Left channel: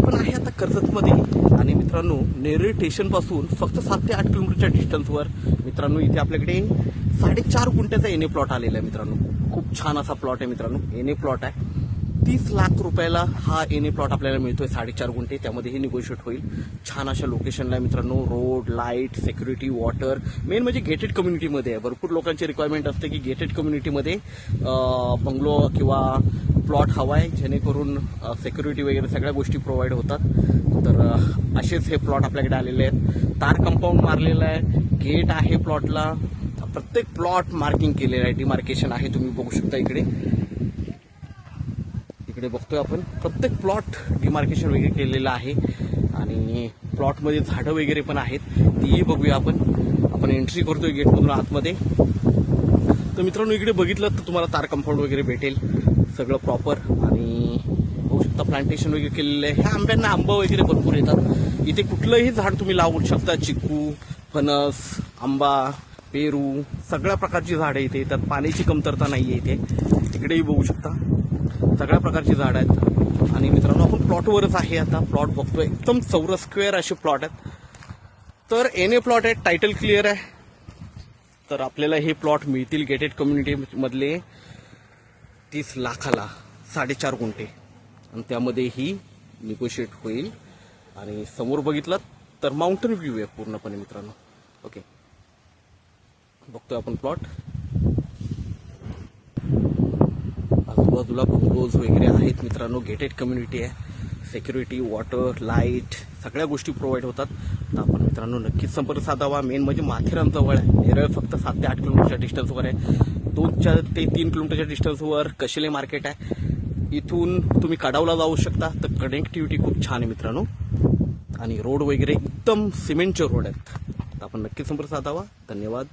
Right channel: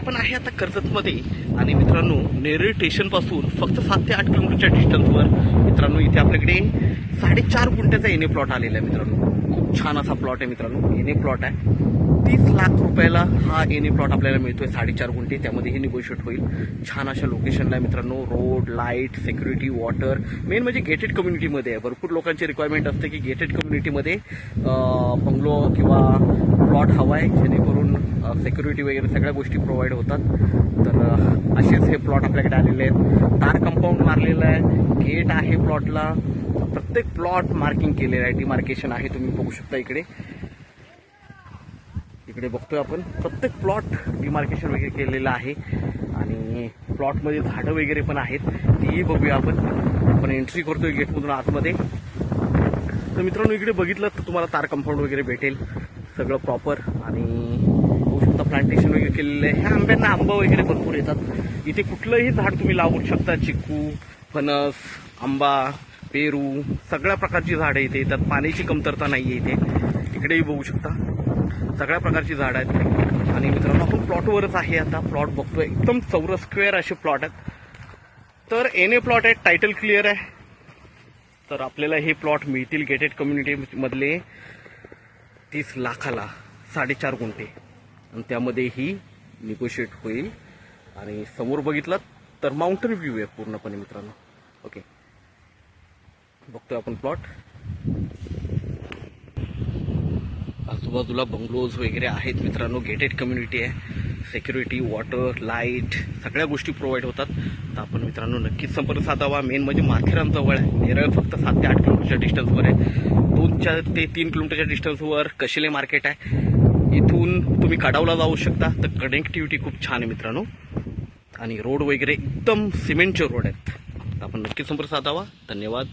आपण आहे आता कर्जतमध्ये आणि मित्रांनो नेरळ स्टेशनपासून फक्त 7 ते 8 किलोमीटरच्या डिस्टन्सवर मित्रांनो इथे आपल्याकडे 4.5 गुंठ्याचा एनए प्लॉट आलेला आहे मित्रांनो। खूप छान असा प्लॉट आहे मित्रांनो, एनए प्लॉट आहे। 30 लाख रुपयाला हा एनए प्लॉट आपल्याला मिळतोय, 4.5 गुंठे, त्यामध्ये हे निगोशिएट होईल। छान अशा लोकेशनला आहे मित्रांनो, road, light, security, water, main म्हणजे गेटेड कम्युनिटीमध्ये आहे। भरपूर लोकांची रिक्वायरमेंट असते की गेटेड कम्युनिटीमध्ये बंगलो किंवा प्लॉट हवा आहे, जेणेकरून सिक्युरिटी वगैरे सगळ्या गोष्टी प्रोव्हाइड होतात। तर असेच हे प्लॉट आपल्याकडे आलेले आहेत। तार कंपाऊंड मारलेलं आहे, गेट आहे प्लॉटला, प्रत्येक प्लॉट मार्किंग केलेलं आहे, डिमार्केशन आहे, तुम्ही बघू शकता इकडे बघतोय आपण प्रत्येक प्लॉट डिमार्केशन वगैरे केलेलं आहे। आणि प्लॉटमध्ये झाडं वगैरे पण आहेत, तीही बघूया आपण एंट्री करतोय गेटमधून आतमध्ये। तर मित्रांनो इकडे बघितलं तर तुम्हाला तार कंपाऊंड वगैरे भेटेल, सगळं प्रॉपर। आणि बघू शकता प्लांटेशन वगैरे केलेलं आहे। ह्या आंब्यांना आंबा वगैरे भरपूर येतात, इथे कुठलंही झाड तुम्ही लावू शकता, चिकू, फणस, आंबा, पेरू, सगळ्या प्रकारची झाडं इथे येतात, पाण्याची कमतरता नाही आहे इथे। इकडेही बघू शकता सगळ्या प्रकारची झाडं आहेत। आणि मित्रांनो आपण प्लॉटवरच आहे आता, प्लॉट बघतोय एकदम चौरस स्क्वेअर असे प्लॉट आहेत। तर एनए प्लॉट आहे, टायटल क्लिअर आहे। तर आपल्याला हे प्लॉट मिळतील गेटेड कम्युनिटी मधले 30 लाखाला 4.5 गुंठे, आणि त्यामध्ये ही निगोशिएट होईल। आणि समोर बघितलं तर माउंटेन व्ह्यू आहे पूर्णपणे मित्रांनो। ओके, बघतोय आपण प्लॉट, आजूबाजूला बंगलोज वगैरे आहेत मित्रांनो, गेटेड कम्युनिटी आहे, सिक्युरिटी, वॉटर, लाईट, सगळ्या गोष्टी प्रोव्हाइड होतात। तर आपण मित्रांनो नक्कीच संपर्क साधावा। मेन म्हणजे माथेरानजवळ आहे, नेरळ फक्त 7 ते 8 किलोमीटरच्या डिस्टन्सवर आहे। 2 ते 3 किलोमीटरच्या डिस्टन्सवर कशेले मार्केट आहे, इथून तुम्ही कडावला जाऊ शकता। तर कनेक्टिव्हिटी खूप छान आहे मित्रांनो, आणि रोड वगैरे एकदम सिमेंटचे रोड आहेत। तर आपण नक्कीच संपर्क साधावा। धन्यवाद।